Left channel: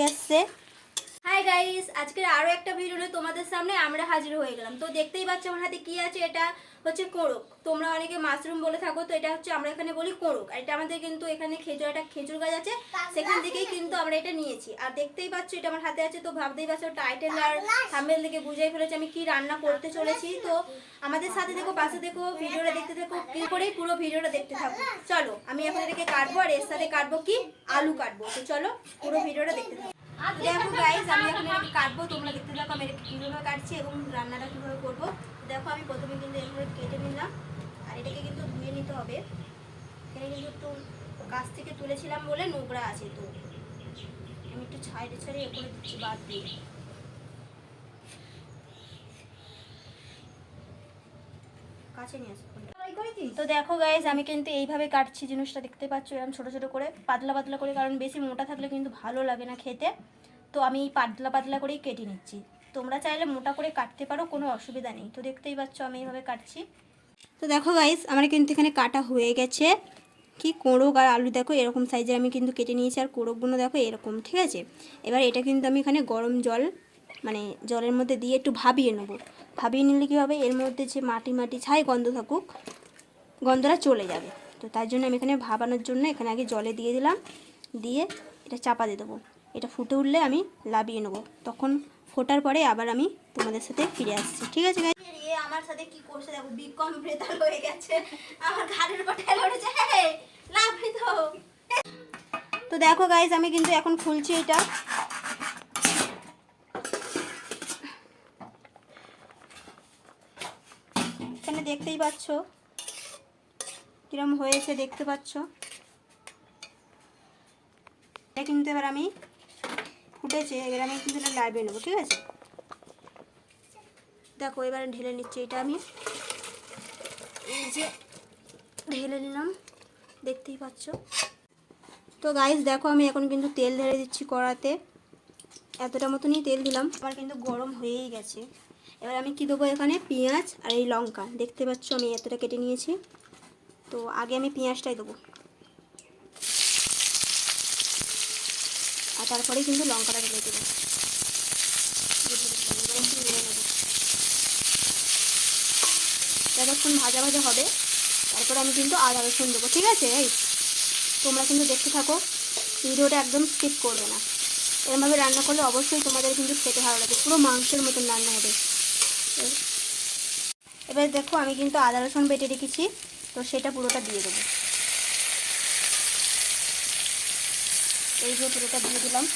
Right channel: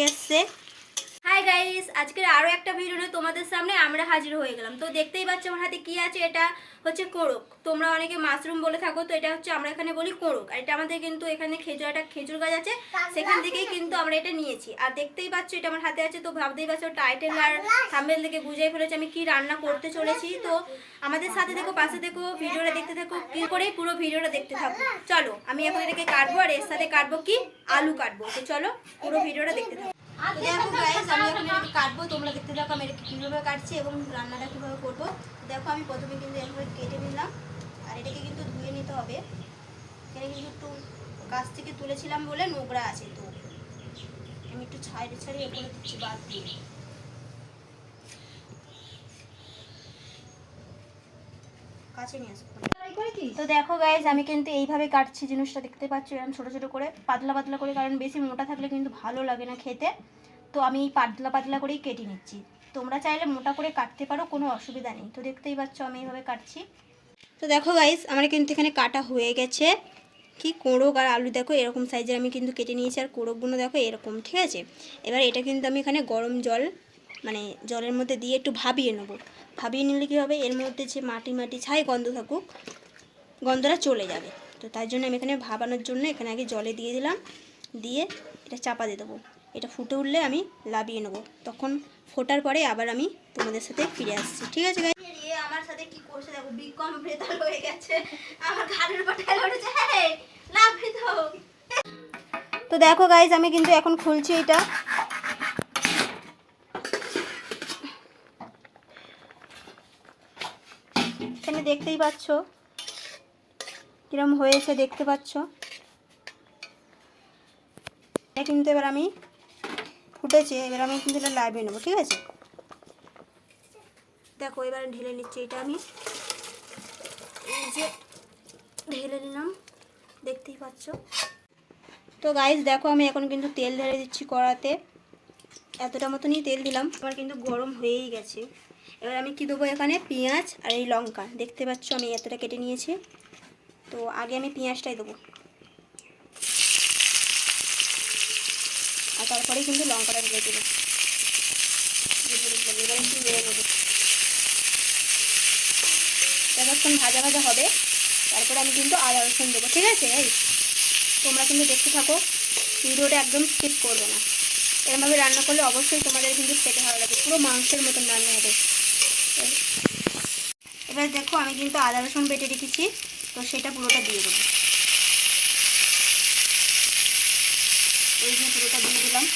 হয়ে hi guys আজকের আরও একটা ভিডিও নিয়ে তোমাদের সামনে আমরা হাজির হয়ে গেলাম। তো দেখতেই পাচ্ছ আমার হাতে কি আছে? এটা হচ্ছে কোড়ক তোমরা অনেকে মাশরুম বলে থাকো, তো এটা হচ্ছে আমরা এখানে বলি কোড়ক আর এটা আমাদের কিন্তু এখানে খেজুর, একটা খেজুর গাছ আছে, সেখান থেকেই কিন্তু আমরা এটা নিয়েছি। আর দেখতেই পাচ্ছ এটা আমার হাতে আছে, তো ভাবতেই পারছ টাইটেল আর থাম্বেল থেকে বুঝেই ফেলেছি আমি কি রান্না করতে চলেছি। তো আমাদের সাথে দেখো, পাশে দেখো, ভিডিওটা দেখতে থাকো কি করেই পুরো ভিডিওটা দেখতে থাকো। চলো, আমি এখন এটাকে কাটবো, আর এর সাথে কাটবো কি? আলু কাটবো। তো চলো, পুরো ভিডিওটা দেখতে থাকো। দেখো গাইস আমি এখন এটাকে কাটবো, তোমরা দেখতে থাকো আমি এটাকে কীভাবে কাটছি এবং রান্নাটা কীভাবে করব। দেখো আমি প্রথমে কিন্তু এভাবে কেটে নিলাম, আর এটাকে কিন্তু ধুয়ে নিতে হবে। এখানে কিন্তু একটু গাছ থেকে তুলেছিলাম বলে নোংরা আছে তো। আমি একটু ছাইড়ে ছাড়িয়ে এ করে দিচ্ছি বাদ দিয়ে। কাছে নিয়ে আসব তো দেখো গাইজ আমি কিন্তু এইভাবে কাটছি জিনিসটা, দেখতে পাচ্ছ এরকম ছোটো ছোটো করে, পাতলা পাতলা করে, কারণ বেশি মোটা থাকলে কিন্তু ভালো লাগে না খেতে। তো আমি এই পাতলা পাতলা করেই কেটে নিচ্ছি। তোমরা চাইলে মোটা করে কাটতে পারো, কোনো অসুবিধা নেই। তো দেখতেই পাচ্ছ আমি এইভাবে কাটছি। তো দেখো গাইজ আমার কিন্তু এখানে কাটা হয়ে গেছে। কি কোড়ক আর আলু দেখো, এরকম সাইজের আমি কিন্তু কেটে নিয়েছি, আর কোড়কগুলো দেখো, এরকম, ঠিক আছে? এবার এটা কিন্তু আমি এখানে গরম জল মানে জলের মধ্যে দিয়ে একটু ভাবিয়ে নেব। ভাবিয়ে নিলে কী হবে? এর মধ্যে যে মাটি মাটি ছাই গন্ধ থাকুক গন্ধটা চলে যাবে। তো তার জন্য আমি এখানে ভাবানোর জন্য এখানে আগে জলে দিয়ে দিলাম দিয়ে এটা চাপা দিয়ে দেবো। এটা ফুটে উঠলে আমি লাবিয়ে নেব। তখন ফোটার পরে আবার আমি তোমাদের সাথে ফিরে আসছি। ঠিক আছে গাই আমার সাথে কি করছে দেখো বিকম ব্রেতাল হয়ে গেছে। আমার ঘাড়ের উঠেছে। হ্যাঁ লাভি তো তো দেখো গাইজ আমি কিন্তু এখন খুলছি এটা। এখানে দেখতেই পাচ্ছ? কিরম হয়েছে দেখতে পাচ্ছ? কিন্তু এবার আমি ফুটেছে, এবার আমি কিন্তু এটা লাইভে নেব, ঠিক আছে? দেখো, এবার ঢেলে নিচ্ছি এটা আমি। এই যে ঢেলে নিলাম, দেখতেই পাচ্ছ। তো গাইস দেখো, আমি এখন কিন্তু তেল ঢেলে দিচ্ছি কড়াতে। এতটা মতনই তেল দিলাম। আমার কিন্তু গরম হয়েই গেছে। এবার আমি কি দেবো এখানে? পেঁয়াজ আর এই লঙ্কা। দেখতে পাচ্ছ আমি এতটা কেটে নিয়েছি। তো আগে আমি পেঁয়াজটাই দেবো। আর তারপরেই কিন্তু লঙ্কাটা ঢেলে দেবো। যতক্ষণ ভাজা ভাজা হবে, তারপরে আমি কিন্তু আদা রসুন দেবো, ঠিক আছে? তোমরা কিন্তু দেখতে থাকো, ভিডিওটা একদম স্কিপ করবে না। এরমভাবে রান্না করলে অবশ্যই তোমাদের কিন্তু খেতে ভালো লাগে, পুরো মাংসের মতন রান্না হবে। এবার দেখো, আমি কিন্তু আদা রসুন বেটে রেখেছি। তো সেটা পুরোটা দিয়ে দেবো। এই যে পুরোটা দিয়ে দিলাম।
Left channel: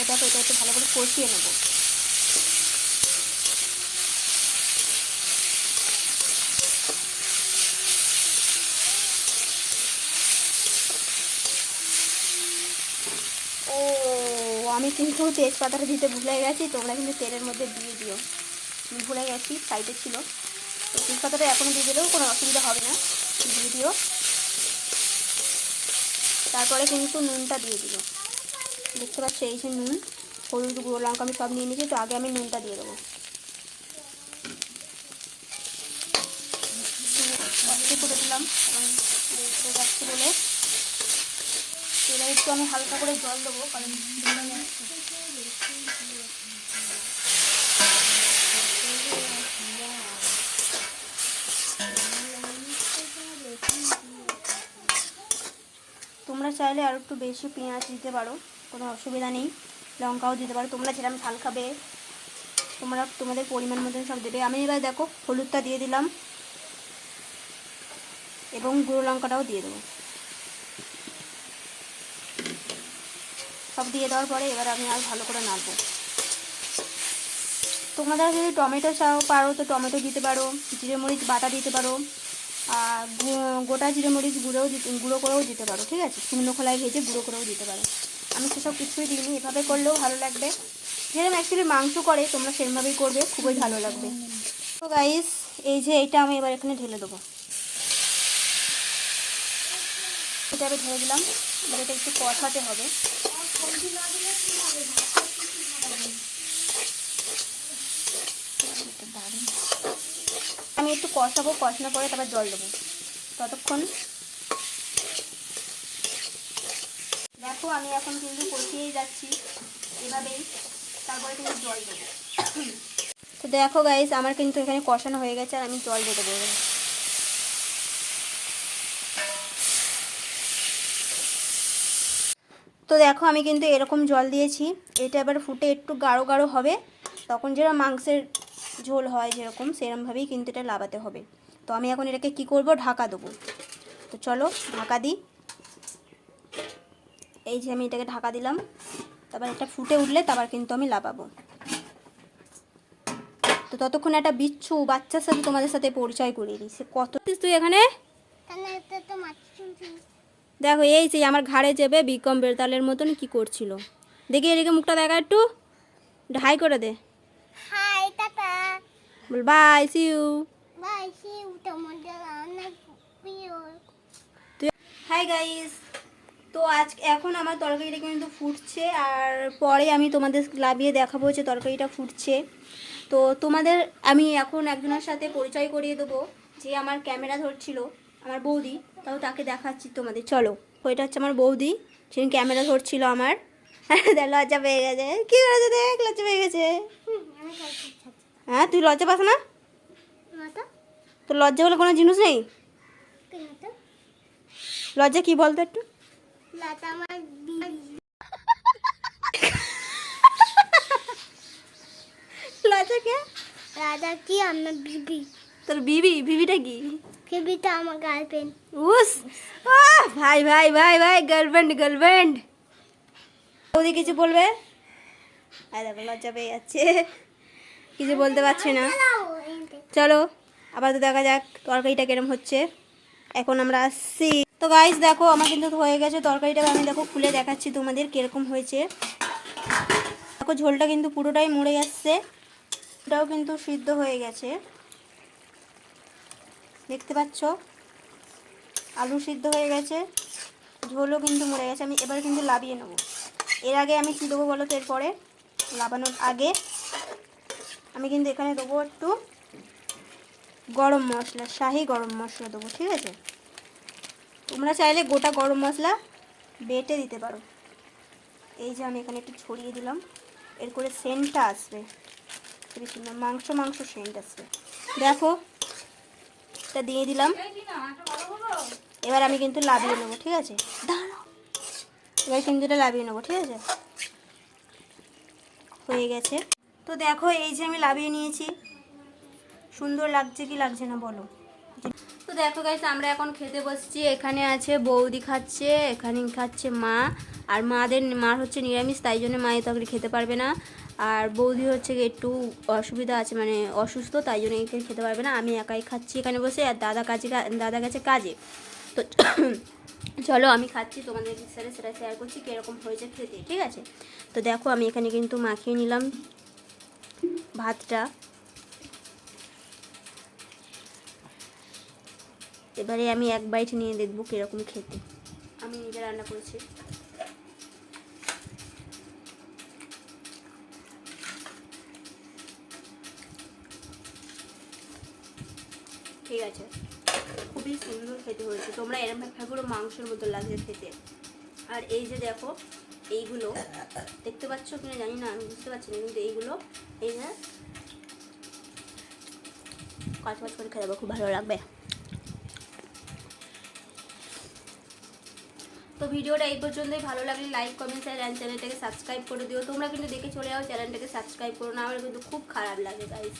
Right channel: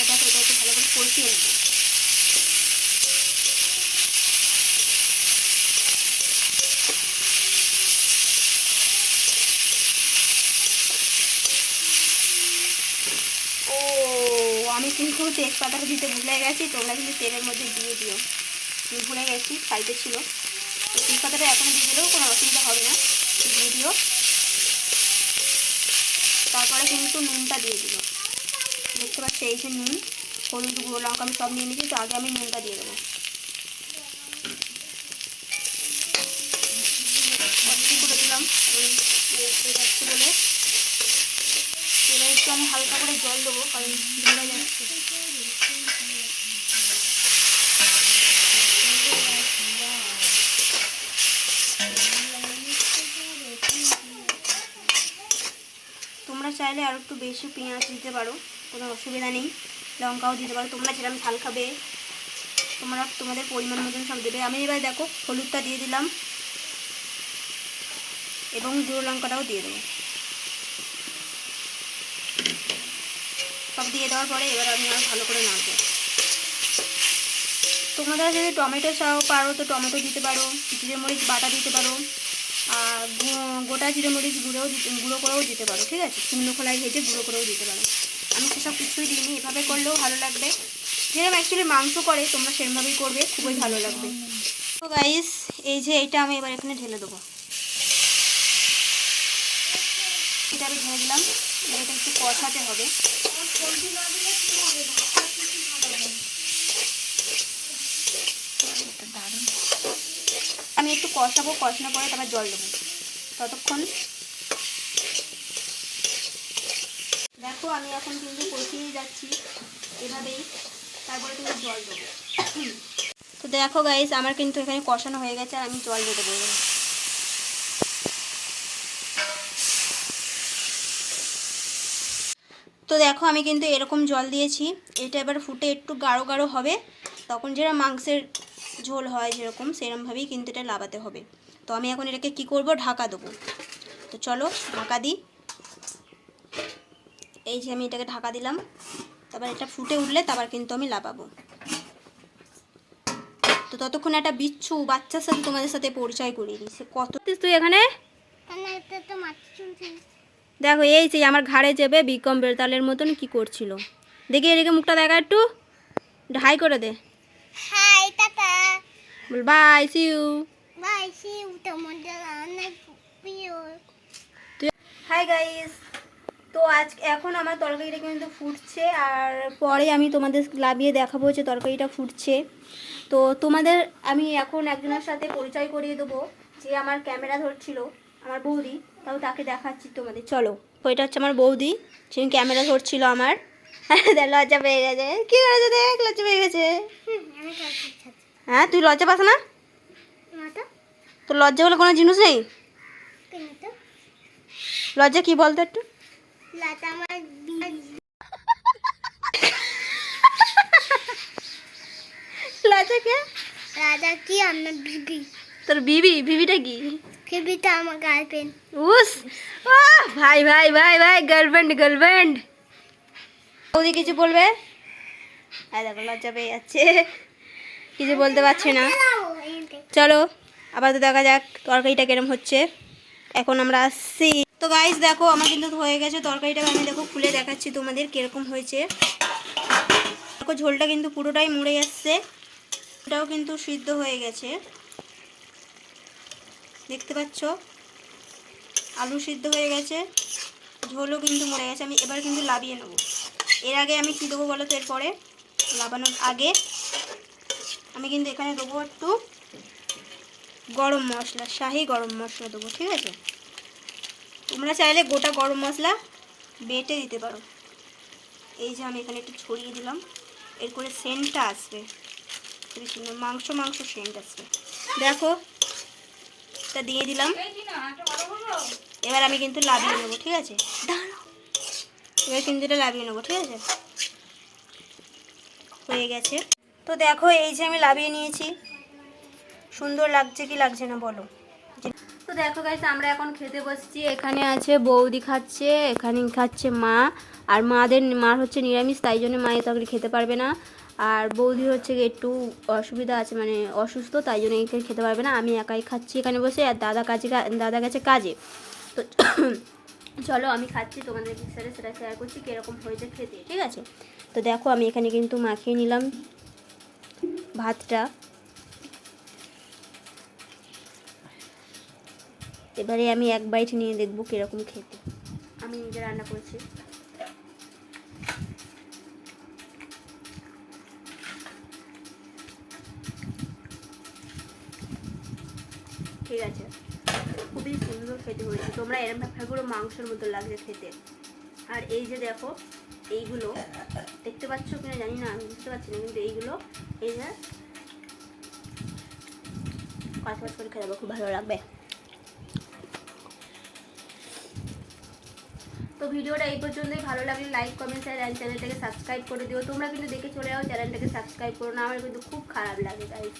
এবার এটা একটু ভালো করে কষিয়ে নেব। আমি কিন্তু তেজপাতাটা দিতে ভুলে গেছি, তোমরা কিন্তু তেলের মধ্যে দিয়ে দিও। ভুলে গেছি সাইডে ছিল। তো এখন দিয়ে দিলেও কোনো অসুবিধা হবে না দিয়ে দিও তারপরে কিন্তু নুনটা দিয়ে দিও দেখতে পাচ্ছি এই যে নুন, হলুদ, গুঁড়ো, লঙ্কা, আমি সব নিয়ে নিয়েছি, তো আগে আমি নুনটা দিয়ে দেবো। আমি হালকা করে জল দেবো, কারণ তোমরা চাইলে আর একটু বেশি পেঁয়াজ দিতে পারো, কোনো অসুবিধা নেই। লঙ্কাও দিতে পারো। তোমরা যেরকম ঝাল খাবে, তোমরা তোমাদের পরিমাণ মতন সব দেবে। আমি এবার দেখো হলুদটা দিয়ে দিলাম এবং গুঁড়ো লঙ্কাটাও দিয়ে দেবো। সব দিয়ে দেওয়ার পরে এবার আমি আর ভালো করে নাড়বো। তোমরা যদি টমেটো চাও পারো, তো টমেটো দিতে পারো, জিরে মরিচ বাটা দিতে পারো। আর গোটা জিরে মরিচ গুঁড়োও গুঁড়ো করেও দিতে পারো, ঠিক আছে? শুকনো খোলায় ভেজে গুঁড়ো করেও দিতে পারো। আমি সেসব কিছুই দিইনি, এভাবে করলেও ভালো লাগবে। যেরকম অ্যাকচুয়ালি মাংস করে তোমরা সেরকমভাবেই করবে, খুবই ভালো লাগবে। তো গাইস এই যে এটা আমি এবার এখানে ঢেলে দেবো। এটা আমি ঢেলে দিলাম এটা একটু কষাতে হবে আমি একটু কষাবো, কষানোর পরে তারপর জল দেবো। ততক্ষণ। দেখো, আমি এখন কিন্তু কষিয়েই যাচ্ছি এভাবেই। তারপরে কিন্তু জল দেবো। তো দেখো গাইস আমার কিন্তু এখানে কষানো হয়ে গেছে, আর আমি জল দিয়ে দেবো। তো দেখো, আমি কিন্তু এরকম জল দিয়েছি। এটা এবার ফুটে একটু গাঢ় গাঢ় হবে। তখন যেটা মাংসের ঝোল হয় যেরকম সেরকমভাবেই কিন্তু এটা লাগাতে হবে। তো আমি এখন এটাকে কি করব? ঢাকা দেবো। তো চলো ঢাকা দিই। এই যে আমি এটাকে ঢাকা দিলাম। তারপর এটা ফুটে উঠলে তারপর কিন্তু আমি লাগাবো। তো ততক্ষণ একটা বিচ্ছু বাচ্চার সাথে তোমাদের সাথে পরিচয় করিয়ে দিই। সে কত তুই এখানে? দেখো এই যে আমার ঘাড়ে চেপে বিকম বেতালের মতন কি করছিল? দেখি এদিকে মুখটা দেখা একটু। ঢাই করে দে। Hi tata ball bye see you bye see you তোমাদের অনেক প্রিয় হাই গাইস তো আজ এখন আমার তরকারিটা কিন্তু ফুটছে আর পরে আমি তোমাদের লাভিয়ে দেখাবো যে তরকারিটা ফুটছে। তো তোমাদের আমি এখন একজনের সাথে পরিচয় করিয়ে দেবো যে আমার ক্যামেরা ধরছিল আমার বৌদি। তাও তাকে দেখাচ্ছি তোমাদের। চলো ওইটা হচ্ছে আমার বৌদি যিনি ক্যামেরা ধরছিল আমার। লজ্জা পেয়ে গেছে। কি করেছে দেখ লজ্জা পেয়ে গেছে। হ্যাঁ তুই লজ্জা পাস না? তোর লজ্জা বলে কোনো জিনিস নেই? লজ্জা কি বলতো একটু? লজ্জা কে? রাজা কি? আমার বিবি। তোর বিবি? বিবিটা কি? বিবিটা আমার গার্লফ্রেন্ড। উস আহ, ভাই ভাই ভাই ভাই গার্লফ্রেন্ড গার্লফ্রেন্ড বৌদি কিছু বলবে? আর দেখো লজ্জা পেয়ে যাচ্ছে। কিছু বলতে পারছে না। চলো আবার তো দেখা যাক তরকারিটা কিরম হচ্ছে। এখন আমরা আসছি। তো গাইস দেখো আমার কিন্তু হয়ে গেছে তরকারিটা আমি দেখো খুলে দেখাচ্ছি তোমাদের কীরকম হয়েছে। দেখো ঝোলটা কিন্তু পুরোটাই মরে যাচ্ছে। এটাও কিন্তু সিদ্ধ হয়ে গেছে। দেখতে পাচ্ছ? আলু সিদ্ধ হয়ে গেছে। ঝোলও কিন্তু মরে গেছে। আমি এবার কিন্তু লাবিয়ে নেব। এর আগে আমি কী দেবো বলো তো এরপরে? লাবানোর আগে। আমি কিন্তু এখানে দেবো একটু গরম মশলা, শাহি গরম মশলা দেবো, ঠিক আছে? তোমরা চাইলে গোটা গরম মশলা বেটে দিতে পারো। এই যে আমি এখানে একটু ছড়িয়ে দিলাম। এর করে সেন্টটা আসবে। খুবই সুন্দর, মাংস মাংস সেন্ট আসবে। দেখো, এটা দিয়ে দিলাম। এবার আমি কিন্তু লাভিয়ে নেব ঠিক আছে? দাঁড়াও। এবার এটা লাভিয়ে নেব, ঠিক আছে? হয়ে গেছে। তো দেখো, এই যে আমি লাভিয়ে নিয়েছি। সুন্দর লাগছে কি লাগছে না বলো? তো দেখো গাইস আমরা এখন খেতে বসছি। এখানে আছে বৌদি খাচ্ছে, এখানে খাচ্ছে মা। আর মাদের মার হচ্ছে নিরামিষ, তাই জন্য মায়ের তরকারি খেতে পারবে না। আর বৌদি হচ্ছে একটু অসুবিধা আছে মানে অসুস্থ, তাই জন্য খেতে পারবে না। আমি একাই খাচ্ছি এখানে বসে, আর দাদা কাজে দাদা গেছে কাজে। তো চলো আমি খাচ্ছি তোমাদের সাথে সেটা শেয়ার করছি, কীরকম হয়েছে খেতে, ঠিক আছে? তো দেখো, আমি এখানে কিন্তু মাখিয়ে নিলাম ভাতটা। এবারে আমি এক বাইট নিয়ে দেখব কীরকম খেতে। আমি নিজে রান্না করেছি। ঠিক আছে। খুবই সুন্দর খেতে হয়েছে। তোমরা এরম পুরো মাংসের মতো লাগছে খেতে। আর এই যে দেখো, এইগুলো দেখতে পাচ্ছ কিনা জানি না, আমি বুঝতে পারছি না, কিন্তু এইগুলো, এই যে কাজ কাজ করে খেতে খুব ভালো লাগবে। তো ভিডিওটা এই পর্যন্তই, ভালো লাগলে লাইক কমেন্ট শেয়ার অ্যান্ড চ্যানেলটাকে সাবস্ক্রাইব করে দিও। তোমরা কিন্তু দেখে চলে যাও চ্যানেলটাকে সাবস্ক্রাইব করো না, আমার কিন্তু খুব খারাপ লাগে গাইস